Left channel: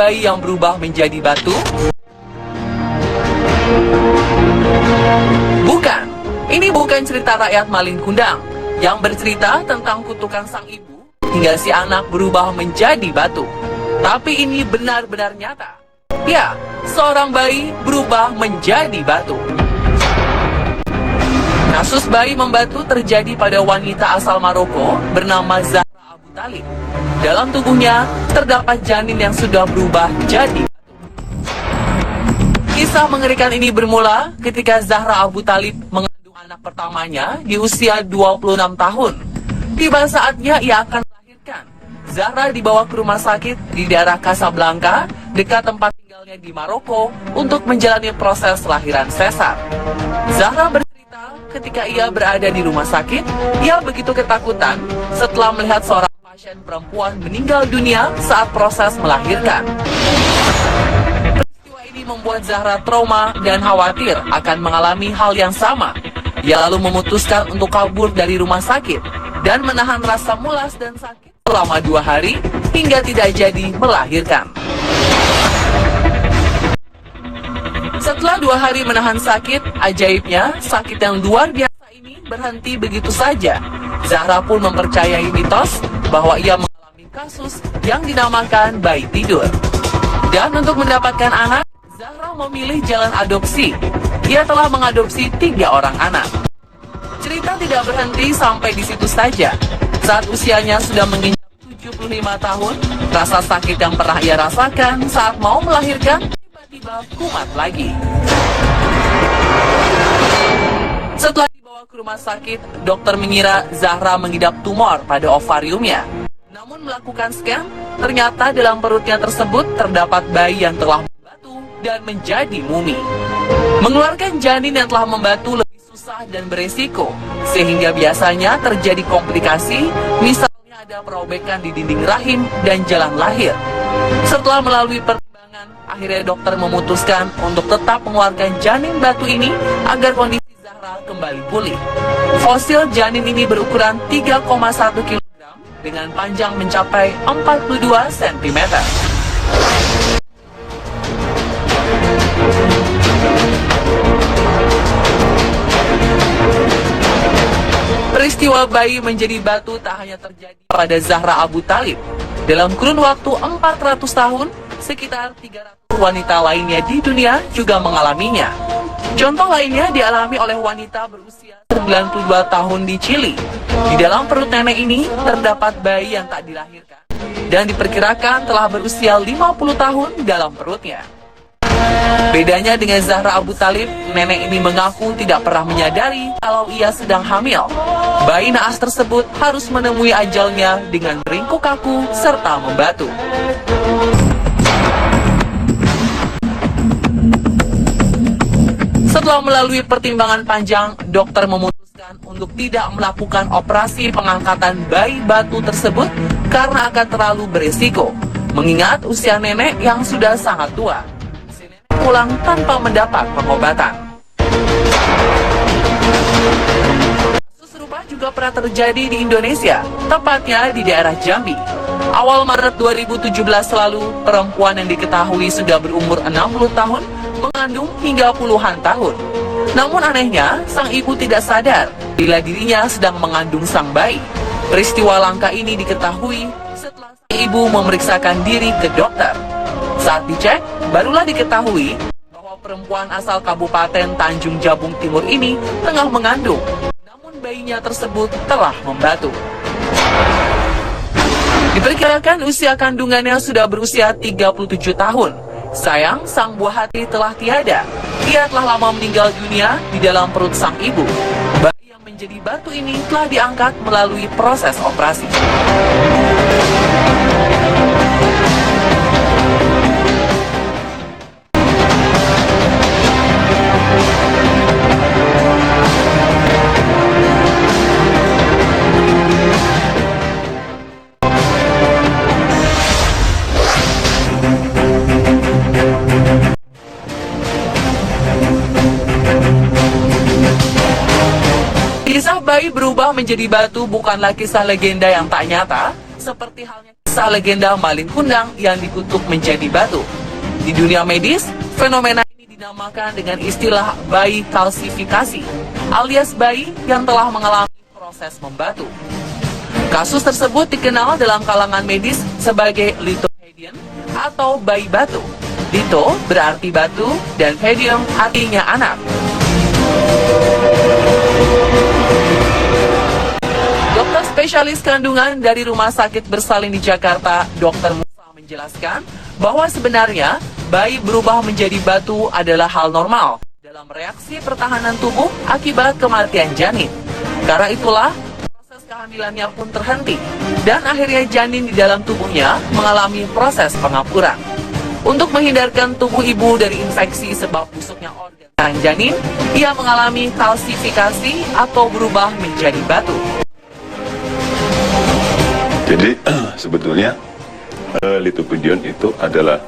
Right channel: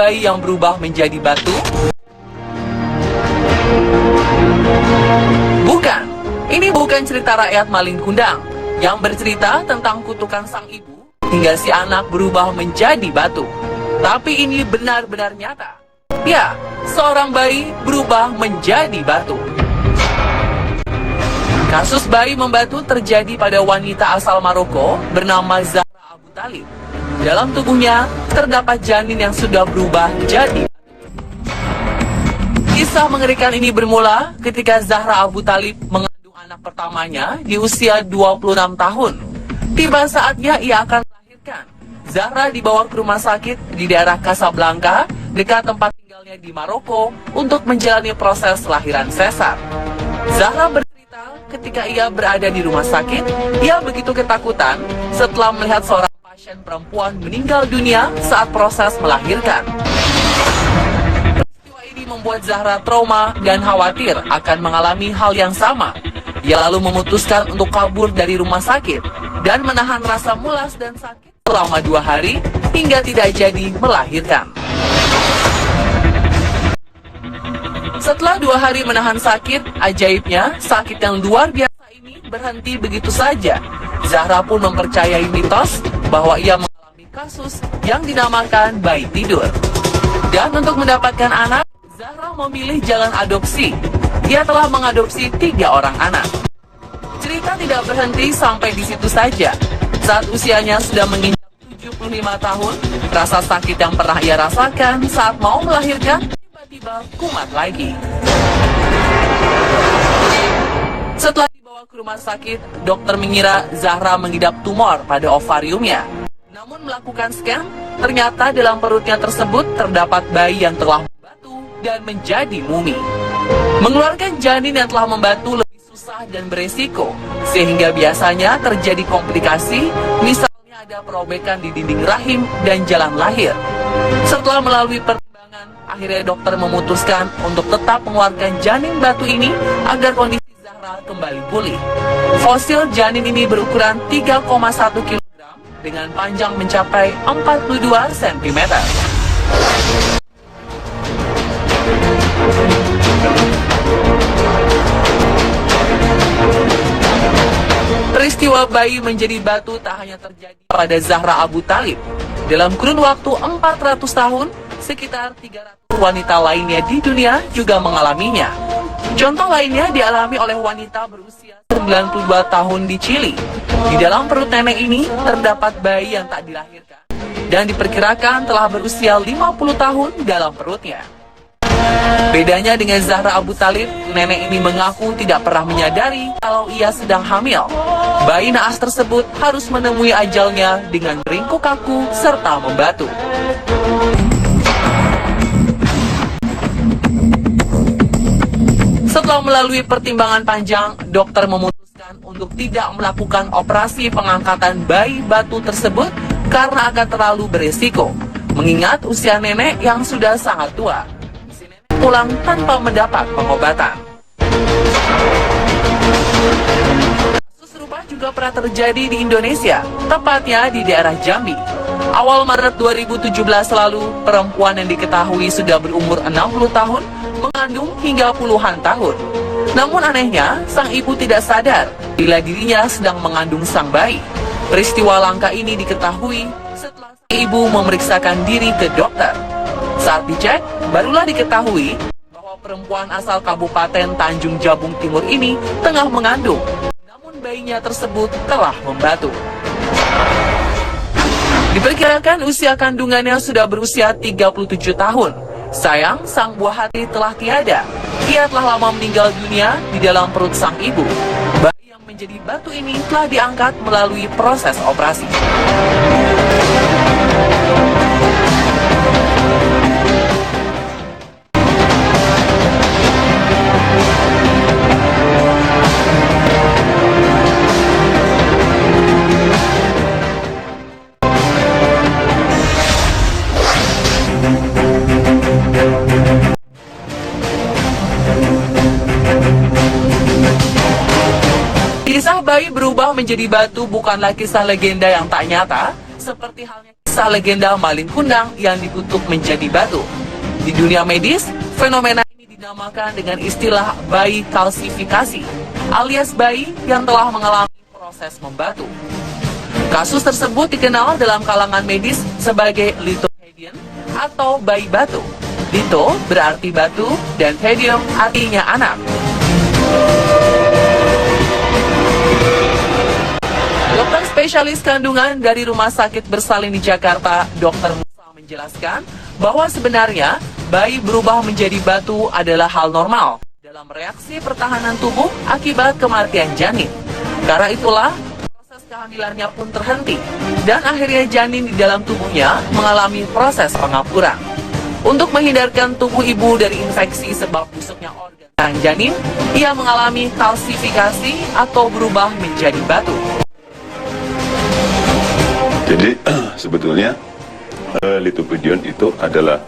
bayi yang berubah menjadi batu? Bukan, ini bukan cerita rakyat maling kundang yang bercerita tentang kutukan sang ibu hingga si anak berubah menjadi batu. Tapi ini benar-benar nyata. Ya, seorang bayi berubah menjadi batu. Kasus bayi membatu terjadi pada wanita asal Maroko bernama Zahra Abu Talib. Dalam tubuhnya terdapat janin yang sudah berubah jadi batu. Kisah mengerikan ini bermula ketika Zahra Abu Talib mengandung anak pertamanya di usia 26 tahun. Tiba saatnya ia akan melahirkan. Zahra dibawa ke rumah sakit di daerah Casablanca, dekat tempat tinggalnya di Maroko, untuk menjalani proses lahiran sesar. Zahra bercerita ketika ia berada di rumah sakit, ia begitu ketakutan setelah melihat seorang pasien perempuan meninggal dunia saat proses melahirkan. Peristiwa ini membuat Zahra trauma dan khawatir akan mengalami hal yang sama. Ia lalu memutuskan untuk kabur dari rumah sakit dan menahan rasa mulas dan sakit selama 2 hari hingga tidak jadi melahirkan. Setelah 2 hari menahan sakit, ajaibnya sakit yang luar biasa ini berhenti begitu saja. Zahra pun mempercayai mitos bahwa ia mengalami kasus yang dinamakan bayi tidur. Dan untuk mendapatkan anak, Zahra memilih jalan adopsi. Ia telah mengadopsi 3 orang anak. Cerita tidak berhenti sampai di situ saja. Saat usianya sudah menginjak 75 tahun, rasa sakit yang pernah ia rasakan saat mau melahirkan tiba-tiba kumat lagi. Setelah dibawa ke rumah sakit, dokter mengira Zahra mengidap tumor pada ovariumnya. Namun melakukan scan, ternyata dalam perutnya tersebut terdapat bayi yang telah membatu dan menjadi mumi. Mengeluarkan janin yang telah membatu lebih susah dan beresiko, sehingga biasanya terjadi komplikasi, misalnya ada perobekan di dinding rahim dan jalan lahir. Setelah melalui pertimbangan, akhirnya dokter memutuskan untuk tetap mengeluarkan janin batu ini agar kondisi Zahra kembali pulih. Fosil janin ini berukuran 3,1 kg dengan panjang mencapai 42 cm. Peristiwa bayi menjadi batu tak hanya terjadi pada Zahra Abu Talib. Dalam kurun waktu 400 tahun, sekitar 300 wanita lainnya di dunia juga mengalaminya. Contoh lainnya dialami oleh wanita berusia 92 tahun di Chili. Di dalam perut nenek ini terdapat bayi yang tak dilahirkan dan diperkirakan telah berusia 50 tahun dalam perutnya. Bedanya dengan Zahra Abu Talib, nenek ini mengaku tidak pernah menyadari kalau ia sedang hamil. Bayi naas tersebut harus menemui ajalnya dengan ringkuk kaku serta membatu. Setelah melalui pertimbangan panjang, dokter memutuskan untuk tidak melakukan operasi pengangkatan bayi batu tersebut karena akan terlalu beresiko, mengingat usia nenek yang sudah sangat tua. Si nenek pulang tanpa mendapat pengobatan. Kasus serupa juga pernah terjadi di Indonesia, tepatnya di daerah Jambi. Awal Maret 2017 lalu, perempuan yang diketahui sudah berumur 60 tahun mengandung hingga puluhan tahun. Namun anehnya, sang ibu tidak sadar bila dirinya sedang mengandung sang bayi. Peristiwa langka ini diketahui setelah sang ibu memeriksakan diri ke dokter. Saat dicek, barulah diketahui bahwa perempuan asal Kabupaten Tanjung Jabung Timur ini tengah mengandung. Namun bayinya tersebut telah membatu. Diperkirakan usia kandungannya sudah berusia 37 tahun. Sayang, sang buah hati telah tiada. Ia telah lama meninggal dunia di dalam perut sang ibu. Bayi yang menjadi batu ini telah diangkat melalui proses operasi. Kisah bayi berubah menjadi batu bukanlah kisah legenda yang tak nyata, seperti halnya kisah legenda maling kundang yang dikutuk menjadi batu. Di dunia medis, fenomena ini dinamakan dengan istilah bayi kalsifikasi, alias bayi yang telah mengalami proses membatu. Kasus tersebut dikenal dalam kalangan medis sebagai lithopedion atau bayi batu. Litho berarti batu dan pedion artinya anak. Dokter spesialis kandungan dari Rumah Sakit Bersalin di Jakarta, Dr. Musa menjelaskan bahwa sebenarnya bayi berubah menjadi batu adalah hal normal dalam reaksi pertahanan tubuh akibat kematian janin. Karena itulah proses kehamilannya pun terhenti dan akhirnya janin di dalam tubuhnya mengalami proses pengapuran. Untuk menghindarkan tubuh ibu dari infeksi sebab busuknya organ janin, ia mengalami kalsifikasi atau berubah menjadi batu. Jadi sebetulnya lithopedion itu adalah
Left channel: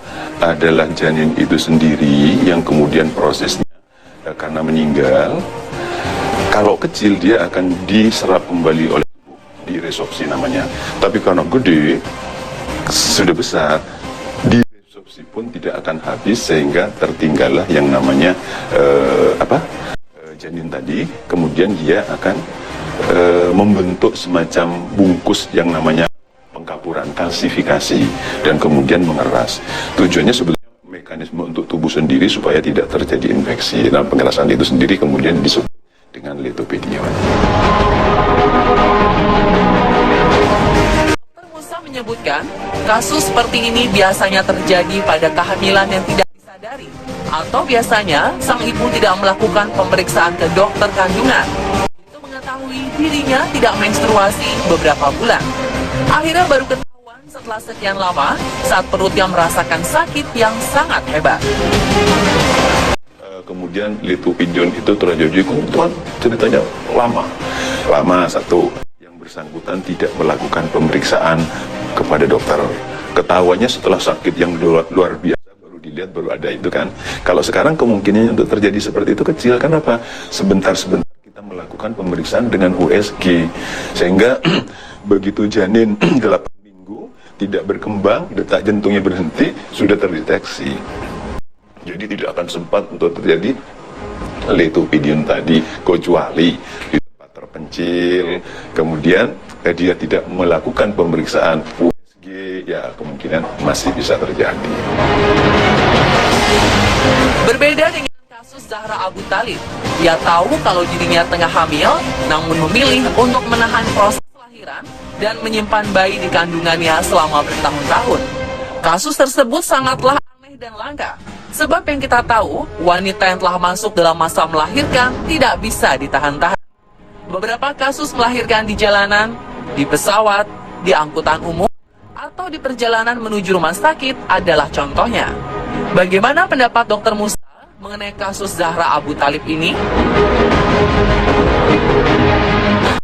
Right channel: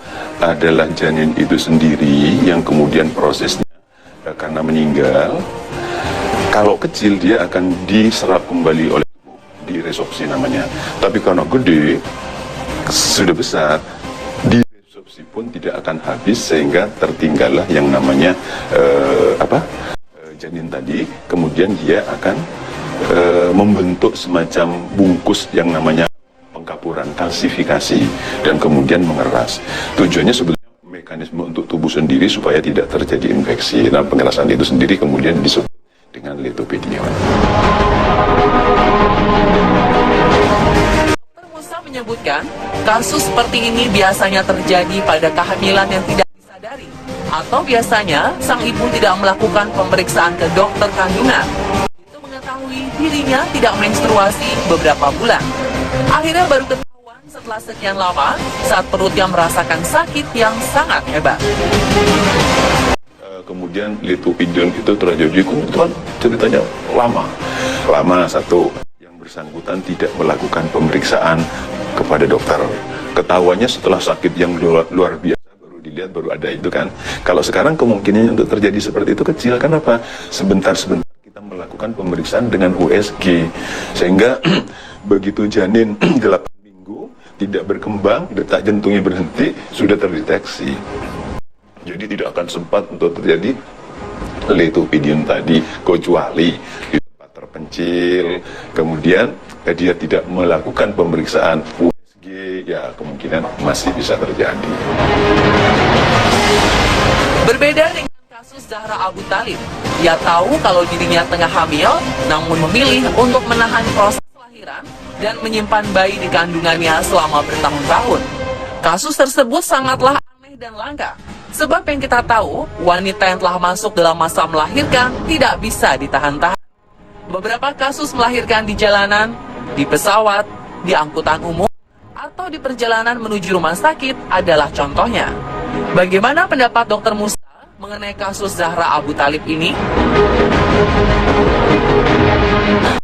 janin itu sendiri yang kemudian prosesnya karena meninggal. Kalau kecil dia akan diserap kembali oleh tubuh, diresorpsi namanya. Tapi kalau gede, sudah besar, diresorpsi pun tidak akan habis sehingga tertinggallah yang namanya janin tadi. Kemudian dia akan membentuk semacam bungkus yang namanya pengkapuran, kalsifikasi, dan kemudian mengeras. Tujuannya sebenarnya mekanisme untuk tubuh sendiri supaya tidak terjadi infeksi. Nah, pengerasan itu sendiri kemudian disebut dengan lithopedion. Dr. Musa menyebutkan, kasus seperti ini biasanya terjadi pada kehamilan yang tidak disadari, atau biasanya sang ibu tidak melakukan pemeriksaan ke dokter kandungan untuk mengetahui dirinya tidak menstruasi beberapa bulan. Akhirnya baru ketahuan setelah sekian lama saat perutnya merasakan sakit yang sangat hebat. Kemudian lithopedion itu tragedi kebetulan ceritanya lama satu yang bersangkutan tidak melakukan pemeriksaan kepada dokter. Ketahuannya setelah sakit yang luar biasa baru dilihat, baru ada itu kan. Kalau sekarang kemungkinannya untuk terjadi seperti itu kecil. Kenapa? Sebentar kita melakukan pemeriksaan dengan USG sehingga begitu janin 8 minggu tidak berkembang, detak jantungnya berhenti, sudah terdeteksi. Jadi tidak akan sempat untuk terjadi lithopedion tadi, kecuali di tempat terpencil, kemudian dia tidak melakukan pemeriksaan USG, ya kemungkinan masih bisa terjadi. Berbeda dengan kasus Zahra Abu Thalib, ia tahu kalau dirinya tengah hamil, namun memilih untuk menahan proses kelahiran dan menyimpan bayi di kandungannya selama bertahun-tahun. Kasus tersebut sangatlah aneh dan langka. Sebab yang kita tahu, wanita yang telah masuk dalam masa melahirkan tidak bisa ditahan-tahan. Beberapa kasus melahirkan di jalanan, di pesawat, di angkutan umum, atau di perjalanan menuju rumah sakit adalah contohnya. Bagaimana pendapat Dr. Musa mengenai kasus Zahra Abu Thalib ini?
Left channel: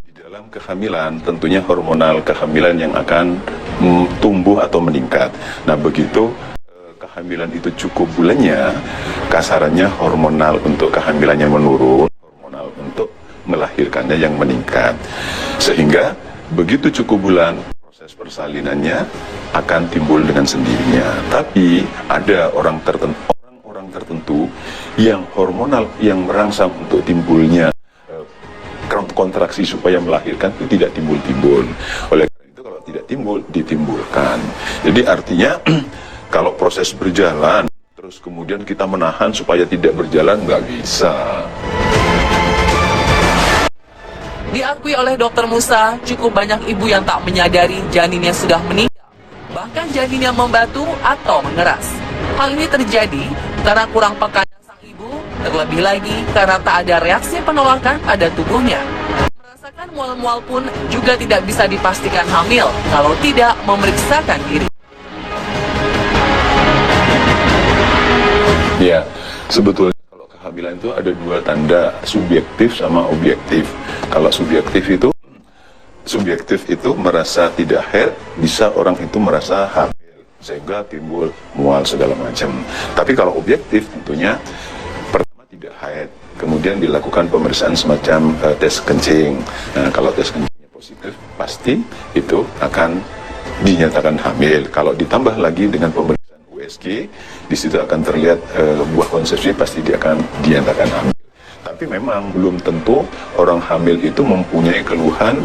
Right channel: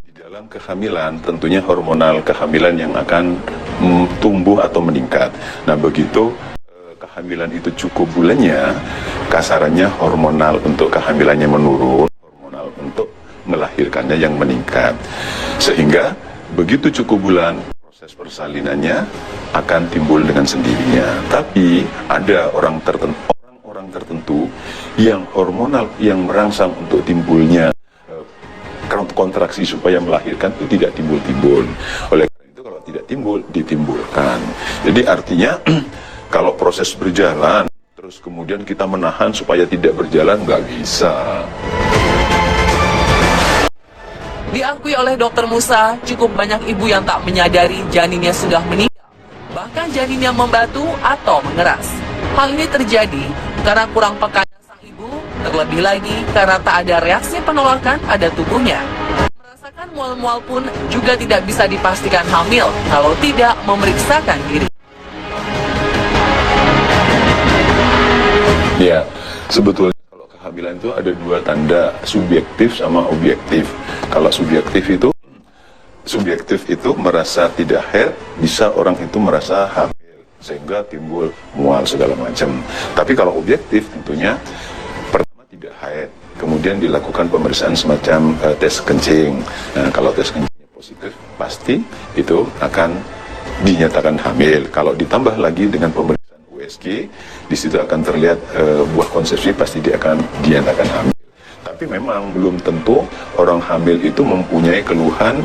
Di dalam kehamilan, tentunya hormonal kehamilan yang akan tumbuh atau meningkat. Nah, begitu kehamilan itu cukup bulannya, kasarannya hormonal untuk kehamilannya menurun, hormonal untuk melahirkannya yang meningkat. Sehingga begitu cukup bulan, proses persalinannya akan timbul dengan sendirinya. Tapi ada orang tertentu yang hormonal yang merangsang untuk timbulnya kontraksi supaya melahirkan itu tidak timbul-timbul. Oleh karena itu kalau tidak timbul, ditimbulkan. Jadi artinya kalau proses berjalan, terus kemudian kita menahan supaya tidak berjalan, nggak bisa. Diakui oleh Dr. Musa, cukup banyak ibu yang tak menyadari janinnya sudah meninggal, bahkan janin yang membatu atau mengeras. Hal ini terjadi karena kurang pekanya sang ibu, terlebih lagi karena tak ada reaksi penolakan pada tubuhnya. Merasakan mual-mual pun juga tidak bisa dipastikan hamil kalau tidak memeriksakan diri. Ya, sebetulnya kalau kehamilan itu ada dua tanda, subjektif sama objektif. Kalau subjektif itu merasa tidak haid, bisa orang itu merasa hamil sehingga timbul mual segala macam. Tapi kalau objektif tentunya pertama tidak haid, kemudian dilakukan pemeriksaan semacam tes kencing. Nah, kalau tes kencingnya positif, pasti itu akan dinyatakan hamil. Kalau ditambah lagi dengan pemeriksaan USG, di situ akan terlihat buah konsepsi pasti dia akan dinyatakan hamil. Tapi memang belum tentu orang hamil itu mempunyai keluhan.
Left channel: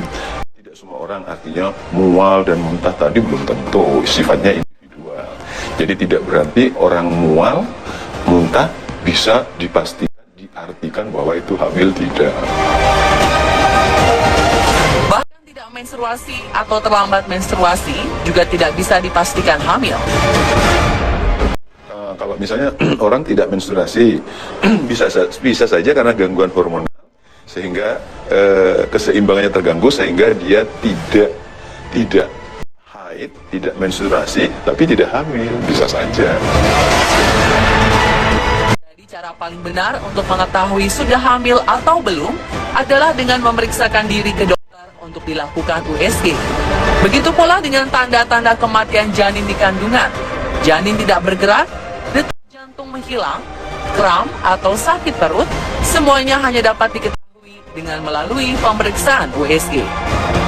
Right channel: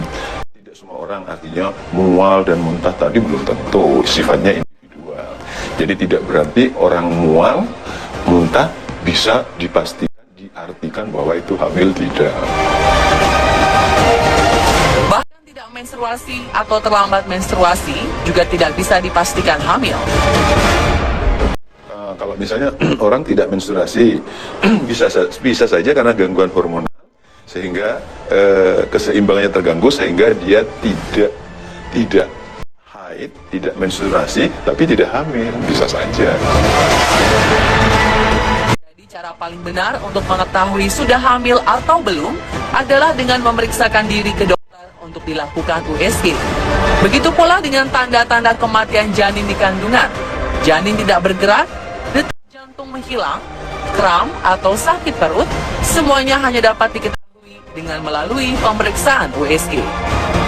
Tidak semua orang, artinya mual dan muntah tadi belum tentu, sifatnya individual. Jadi tidak berarti orang mual, muntah bisa dipastikan, diartikan bahwa itu hamil, tidak. Bahkan tidak menstruasi atau terlambat menstruasi juga tidak bisa dipastikan hamil. Kalau misalnya orang tidak menstruasi, bisa saja karena gangguan hormonal, sehingga keseimbangannya terganggu, sehingga dia tidak haid, tidak menstruasi, tapi tidak hamil, bisa saja. Jadi cara paling benar untuk mengetahui sudah hamil atau belum adalah dengan memeriksakan diri ke dokter untuk dilakukan USG. Begitu pula dengan tanda-tanda kematian janin di kandungan. Janin tidak bergerak, detak jantung menghilang, kram atau sakit perut, semuanya hanya dapat diketahui dengan melalui pemeriksaan USG.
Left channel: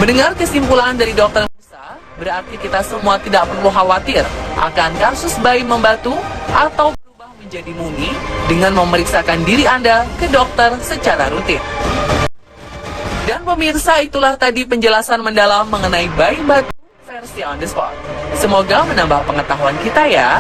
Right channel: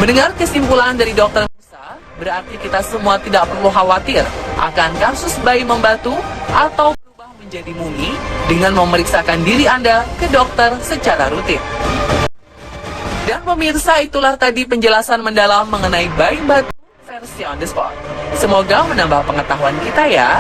Mendengar kesimpulan dari dokter Musa, berarti kita semua tidak perlu khawatir akan kasus bayi membatu atau berubah menjadi mumi dengan memeriksakan diri Anda ke dokter secara rutin. Dan pemirsa, itulah tadi penjelasan mendalam mengenai bayi batu versi on the spot. Semoga menambah pengetahuan kita ya.